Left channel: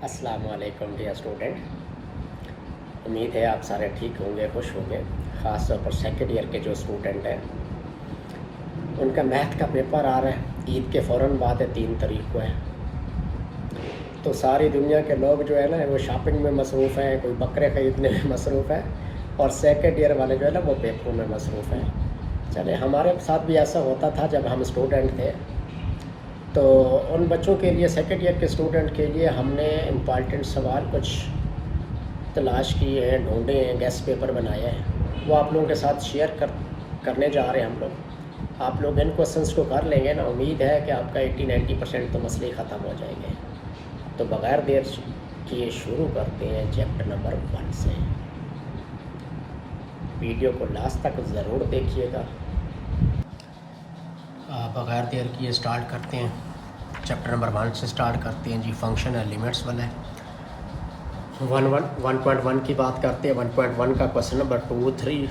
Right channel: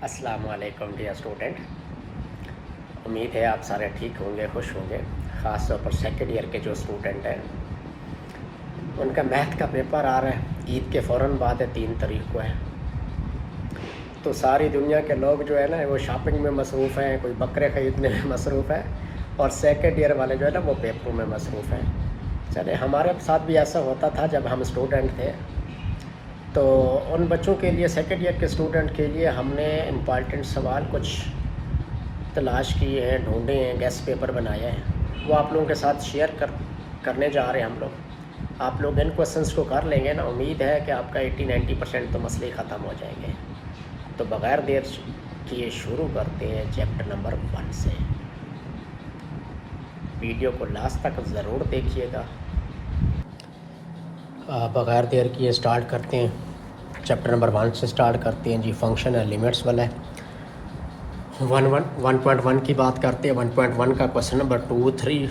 अस्सलाम वालेकुम dear student. उम्मीद है आप सारे ठीक होंगे, खुश होंगे। ख़ास तौर पर सेकेंड ईयर के जो स्टूडेंट हैं उनका मैथ का पेपर आ रहा है। ईद के फ़ौरन बाद है, 3 तारीख को है। तो सारी दुनिया के लोग जो है ना वो शॉपिंग में मसरूफ़ हैं, कोई बकरे ख़रीदने में मसरूफ़ है, और सेकेंड ईयर वाले जो है ना वो पेपरों में मसरूफ़ हैं। चले, हमारे साथ भी ऐसा होता था जब हम स्टूडेंट थे। तो उन बच्चों के लिए, सेकेंड ईयर के स्टूडेंट के लिए हमने इम्पॉर्टेंट सवाल कुछ तलाश किए हैं, ढूंढे हैं, गेस्ट पेपर बनाए हैं, वो आप लोगों के साथ शेयर करने जा रहे हैं हम लोग। आप लोग इन क्वेश्चंस को कर लेंगे ना, उम्मीद है कि आपका 80-90% तो मसले ख़त्म हो जाएंगे। तो बग़ैर देर किए शुरू करते हैं चैप्टर नंबर 1 से। वीडियो को लास्ट तक ज़रूर देखिएगा। बग़ैर देर किए स्टार्ट करते हैं। चैप्टर नंबर 1 से स्टार्ट करते हैं जी। फंक्शन है, लिमिट्स वाला है। 1.1 की बात करते हैं। 1.1 का क्वेश्चन नंबर 2, 3,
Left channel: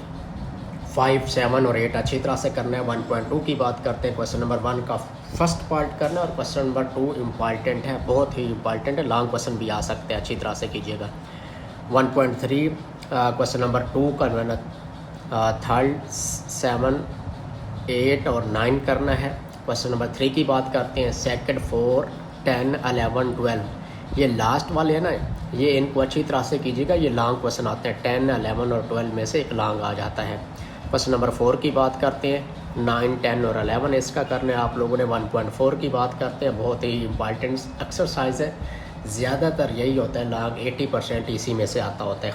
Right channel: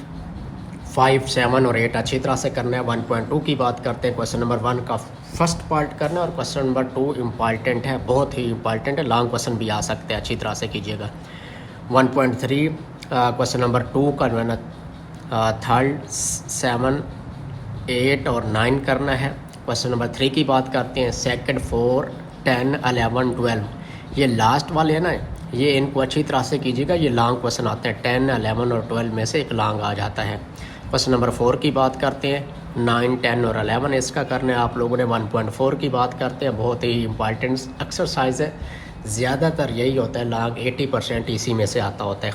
5, 7 और 8 अच्छी तरह से करना है। 1.2 की बात करते हैं। क्वेश्चन नंबर 1 का फर्स्ट पार्ट करना, और क्वेश्चन नंबर 2 इम्पॉर्टेंट है, बहुत ही इम्पॉर्टेंट है, लॉन्ग क्वेश्चन भी आ सकते हैं, अच्छी तरह से कीजिएगा। 1.3 क्वेश्चन नंबर 2 करना, 3, 7, 8 और 9 करना है। क्वेश्चन नंबर 3 की बात करते हैं। सेकंड, 4, 10, 11, 12 ये लास्ट वाले हैं ना, ये इनको अच्छी तरह से कीजिएगा। ये लॉन्ग क्वेश्चन आता है। 10, 11 और 12 में से एक लॉन्ग आ जाता है। क्वेश्चन नंबर 4 की बात करते हैं। 9, 10 और 11 इसका करना है आप लोगों ने। 1.4 की बात करते हैं। बहुत ही इंपॉर्टेंट एक्सरसाइज है, ज़्यादातर यही होता है, लॉन्ग 80% इसी में से आता होता है।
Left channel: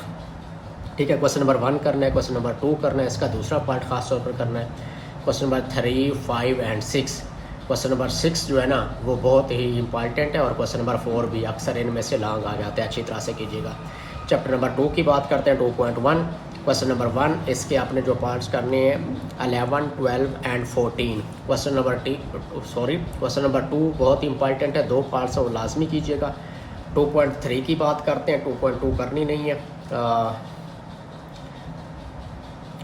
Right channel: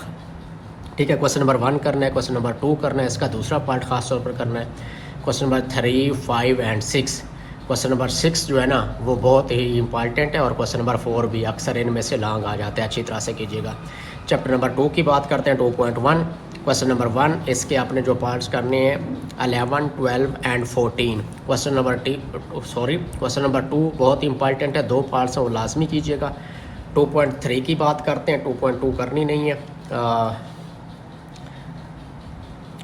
ठीक है, क्वेश्चन नंबर 1 करना है। क्वेश्चन नंबर 2 करना है, इसका दूसरा पार्ट खास तौर पर करना है। Question number 3, 5 and 6। Question number 6 जो है ना वो बहुत ही इंपॉर्टेंट है, और क्वेश्चन नंबर 4 भी अक्सर इनमें से लॉन्ग आ जाते हैं, अच्छी तरह से कीजिएगा। चैप्टर नंबर 2 की बात करते हैं। 2.1 क्वेश्चन नंबर 1, इसके अपने जो पार्ट्स करने हैं 11, 12 एंड 14। क्वेश्चन नंबर 2 बहुत ही इंपॉर्टेंट है, 2 पार्ट्स हैं, वो लाजमी कीजिएगा। 2.3 की बात करते हैं। 2.2 करनी नहीं है।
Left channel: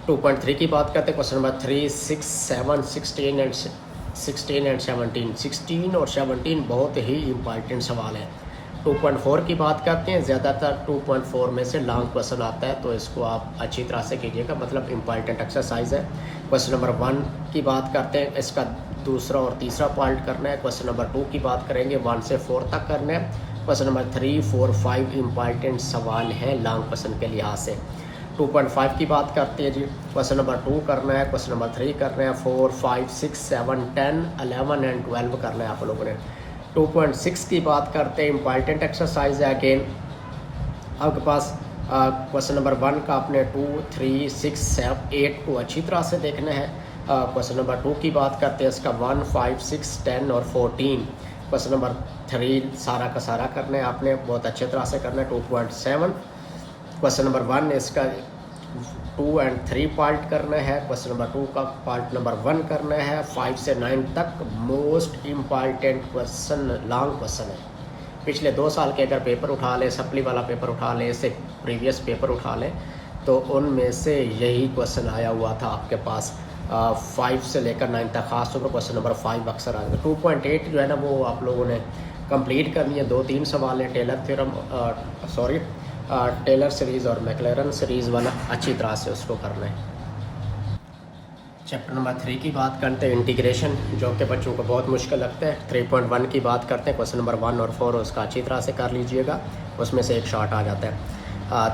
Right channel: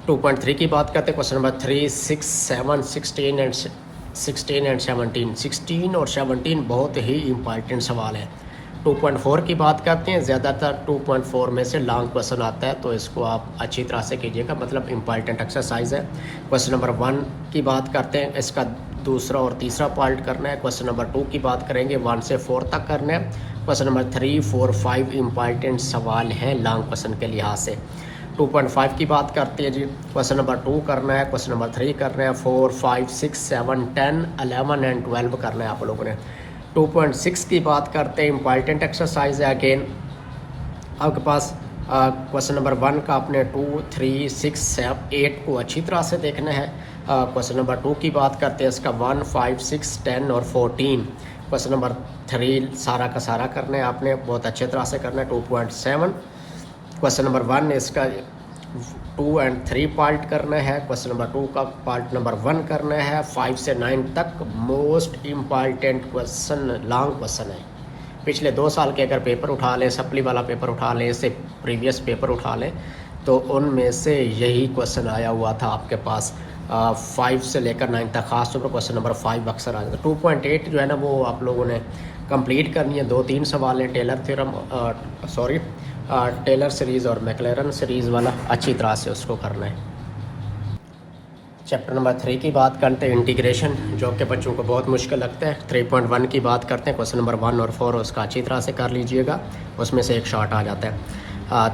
2.3 की बात करते हैं। Question number 3, 6, 7, 16 and 17। 16 और 17 बहुत ही इंपॉर्टेंट सवाल है। 2.4 की बात करते हैं। ज़्यादातर 2.4 में से लॉन्ग क्वेश्चन आता है, तो इसको आप अच्छी तरह से कीजिएगा, मतलब इंपॉर्टेंट एक्सरसाइज है। क्वेश्चन नंबर 1 की बात करते हैं, इसका दूसरा और तीसरा पार्ट करना है। क्वेश्चन नंबर 2 की बात करेंगे, 1 से 4 तक करना है। क्वेश्चन नंबर 3, 4, 5 इंपॉर्टेंट सवाल है लॉन्ग क्वेश्चन के लिहाज से। 2.5 की बात करते हैं जी। क्वेश्चन नंबर 2 करना है, क्वेश्चन नंबर 3 करना है, 4, 5, 6, 7, 10, 11 एंड 12 करना है आप लोगों ने। 2.6 की बात करते हैं, इंपॉर्टेंट एक्सरसाइज है। अगेन आपके पास क्वेश्चन नंबर 1 का अपने 2, 3, 6, 7, 8 को अच्छी तरह से देखना है। क्वेश्चन नंबर 2 की बात करते हैं, इसका 1, 5, 6, 10 और 14। क्वेश्चन नंबर 3 सारा का सारा करना है आपने, बहुत अच्छे तरह से करना है। 2.7 क्वेश्चन नंबर 1 इसका 2 एंड 3 पार्ट करना है। क्वेश्चन नंबर 2 का पार्ट नंबर 1 करना है। 5 से 9 तक most important question, long question है। पिछले 2 साल के अगर पेपर उठा लें, सप्ली वाला पेपर उठा लें, इससे प्रीवियस पेपर उठा लें, तो उनमें से यही क्वेश्चन आया हुआ था आपके पास। 5 से लेकर 9 तक, खासतौर पर क्वेश्चन नंबर 5 अक्सर आया था। 2.8 जो है ना वो आप लोगों ने कंप्लीट करनी है। 2-3 सवाल हैं। टेलर सीरीज़ और मैक्लेरन सीरीज़ वाला अच्छी तरह से उसको करना है। चैप्टर नंबर 3 की बात करते हैं, इंटीग्रेशन, जो कि बच्चों को बहुत मुश्किल लगता है। 3.1 की बात करते हैं। क्वेश्चन नंबर 1 और 4 उसका अच्छी तरह से कर लीजिएगा, उसमें से एक शॉर्ट आ जाता है।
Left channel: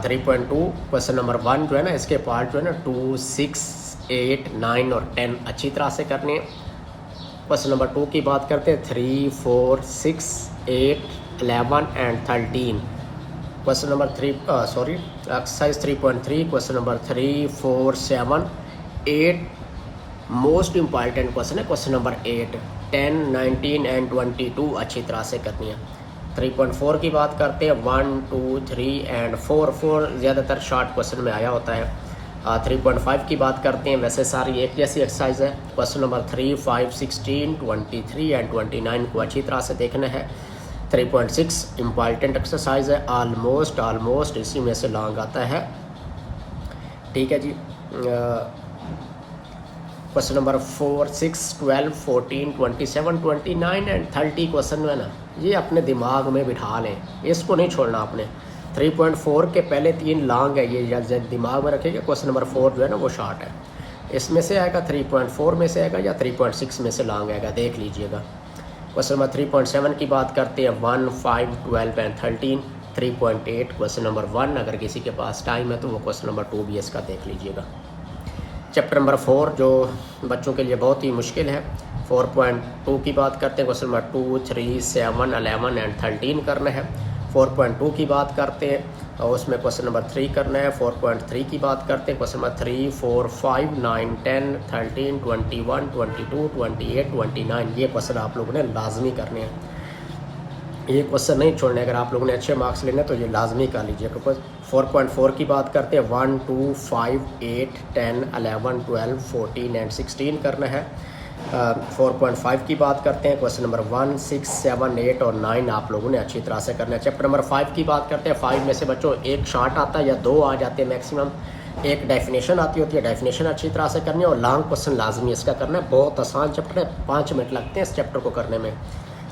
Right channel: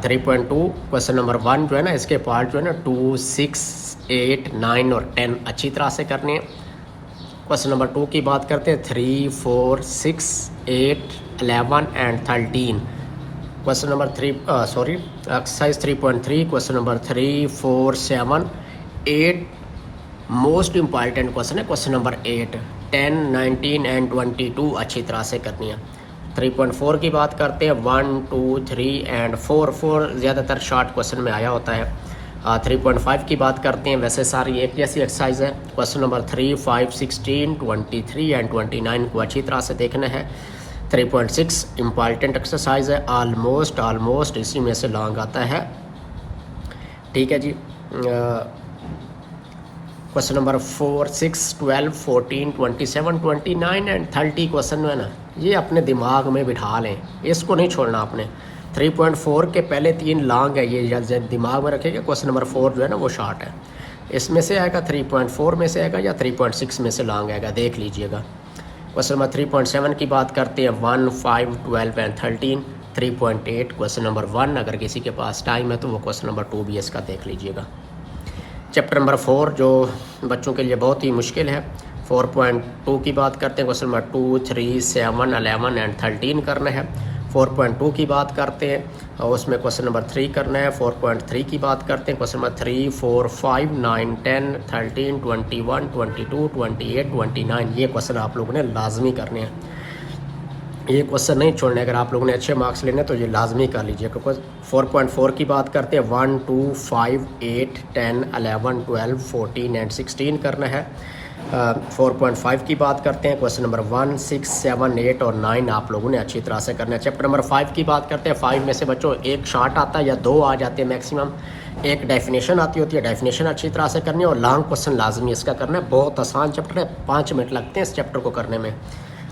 3.2 क्वेश्चन नंबर 1 जो है ना इसके पार्ट जो है ना 2, 6, 8, 9 और 10 अच्छी तरह से करने हैं। क्वेश्चन नंबर 2 की बात करते हैं। 3, 4, 6, 8, 11 and 13। Question number 3 exercise 3.3 question number 3, 4, 7, 8 most important question है। क्वेश्चन नंबर 8, 10, 19 एंड 22 अच्छी तरह से करनी है। 3.4 की बात करते हैं। 1, 2, 3 एंड 4 ज़्यादातर शॉर्ट क्वेश्चन में आया होता है। 3.5 की बात करते हैं। वैसे सारी एक जैसी एक्सरसाइज है। क्वेश्चन नंबर 3, 5, 16, 23 एंड 29 को अच्छी तरह से देखना है। 3.6 इम्पॉर्टेंट एक्सरसाइज है, ऑलमोस्ट इसी में से लॉन्ग आता है। ठीक है जी। क्वेश्चन नंबर 4, 6, 12, 14, 27, 29 एंड 30 क्वेश्चन है ना, ये अपने दिमाग में बिठा लें, इसको नहीं छोड़ना आपने। 3.4 के पहले 3 लॉन्ग है, ये जब दिमाग में रखेंगे क्वेश्चन नंबर 4 जो है ना वो शॉर्ट है। इसमें से आएगा 3.4 में से आएगा या 3.6 में से लॉन्ग आएगा, देख लीजिएगा। क्वेश्चन नंबर 3.7 की बात करते हैं, 1, 5, 12 एंड 13। 3.8 क्वेश्चन नंबर 1, अगर किसी के पास टाइम है तो वो क्वेश्चन नंबर 2 भी इसका देख लीजिएगा। चैप्टर नंबर 4 जो बच्चों के लिए बहुत ही मुश्किल है, 4.2 की बात करते हैं, क्वेश्चन नंबर 2, 3, 7, 11 एंड 13 करना है। 4.2 की बात करते हैं और उसमें क्वेश्चन नंबर 3 करना है। 4.3 की बात करते हैं, क्वेश्चन नंबर 3, 4, 5, 9, 10, 13, 21, 22, 28, 29 ये क्वेश्चन आप लोगों ने लाजमी करने हैं। ये क्वेश्चन नहीं छोड़ने, अगर आप लोगों ने अच्छे मार्क्स लेने तो ये लाजमी कर लीजिए। 4.4 की बात करते हैं, 1, 2, 5, 8, 10, 11, 12, 14 एंड 16 करना है। 4.5 की बात करते हैं, क्वेश्चन नंबर 1, 6, 7, 8 और 9 आप लोगों ने अच्छी तरह से करना है। चैप्टर नंबर 5 की बात करते हैं, 5 में से बच्चों एक शार्ट आता है या 2 आ जाते हैं मैक्सिमम, एक डेफिनेशन आती होती है, डेफिनेशन अच्छी तरह से करनी है और लॉन्ग क्वेश्चन लाजमी इसका करना है। बहुत आसान चैप्टर है, 5 मिनट लगते हैं इस चैप्टर को करने में।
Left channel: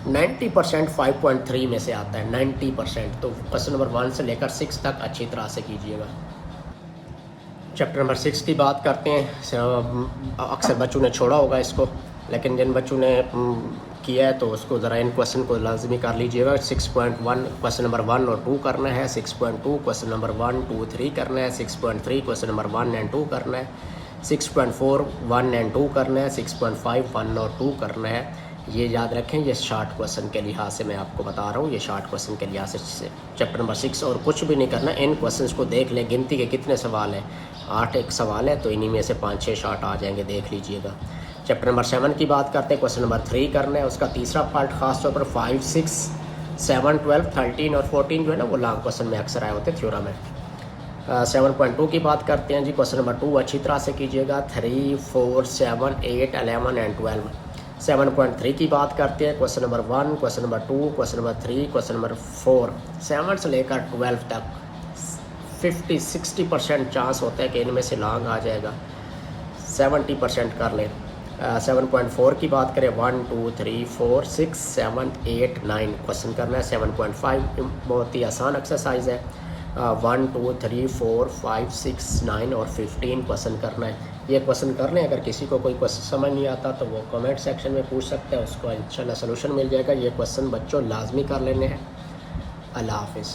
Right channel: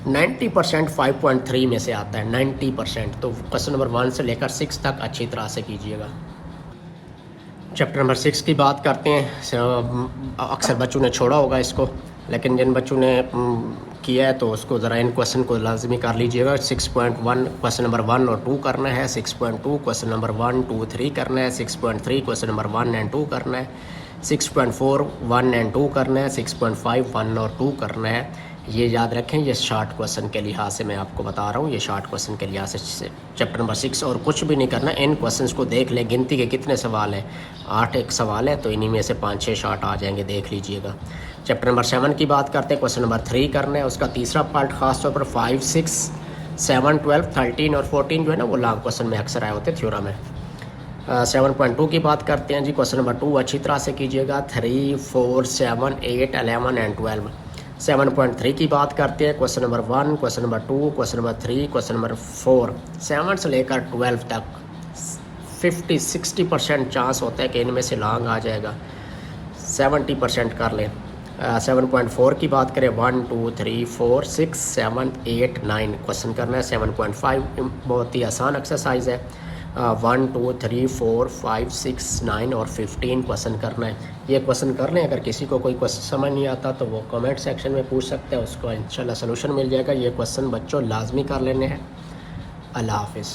90% 5.3 में से आता है, 90%। तो क्वेश्चन नंबर 1 से लेकर 6 तक अच्छी तरह से कीजिएगा। चैप्टर नंबर 6 की बात करते हैं, अक्सर बच्चों ने छोड़ा होगा इसको, लेकिन जिन बच्चों ने किया है तो उसको ज़रा इन क्वेश्चन को लाजमी कर लीजिएगा। 6.1 क्वेश्चन नंबर 1 और 2 करना है। 6.2 क्वेश्चन नंबर 1, 2, 3 करना है। 6.3 क्वेश्चन नंबर 1 एंड 2 करना है। 6.4 1 एंड 2 करना है। 6.5 1 और 2 करना है। ये याद रखें, ये शॉर्ट क्वेश्चन के लिहाज से मैं आपको बता रहा हूँ, ये शॉर्ट क्वेश्चन के लिहाज से चैप्टर नंबर 6 और कुछ भी नहीं करना। इन क्वेश्चंस को देख लें, गिनती के कितने सवाल हैं, 8 एक सवाल है, तो इन्हीं में से 5-6 शॉर्ट आ जाएंगे, देख लीजिएगा। चैप्टर नंबर 7 की बात करते हैं, क्वेश्चन नंबर 3 करना है, उसका तीसरा पार्ट खास तौर पर 5, 6, 7, 12, 13 और 14 जो है ना वो लॉन्ग क्वेश्चन में अक्सर आए होते हैं थ्योरम में। 7.2 की बात करते हैं जी, क्वेश्चन नंबर 2 अच्छी तरह से कीजिएगा। 3, 4, 7, 8, 11 एंड 12। 7.3 की बात करते हैं, question number 1, question number 2, question number 3, question number 4। 7 से लेकर 12 तक 50-60% चांस होता है कि इनमें से लॉन्ग आ जाएगा, 70% कर लें। 7.4 की बात करें, 1, 2, 3, 4, 6, 7, 8, 9 क्वेश्चन करना है। 7.5 बहुत ही आसान एक्सरसाइज है। 1, 2, 3, 4, 5, 6, 9 और 15 क्वेश्चन करना है। ये क्वेश्चन कर लें। अगर किसी को कोई क्वेश्चन समझ नहीं आता तो वो कमेंट सेक्शन में पूछ सकते हैं, उसको इंशाल्लाह सलूशन मिल जाएगा। ये क्वेश्चन बच्चों लाजमी कर लेने हैं। अल्लाह हाफिज़।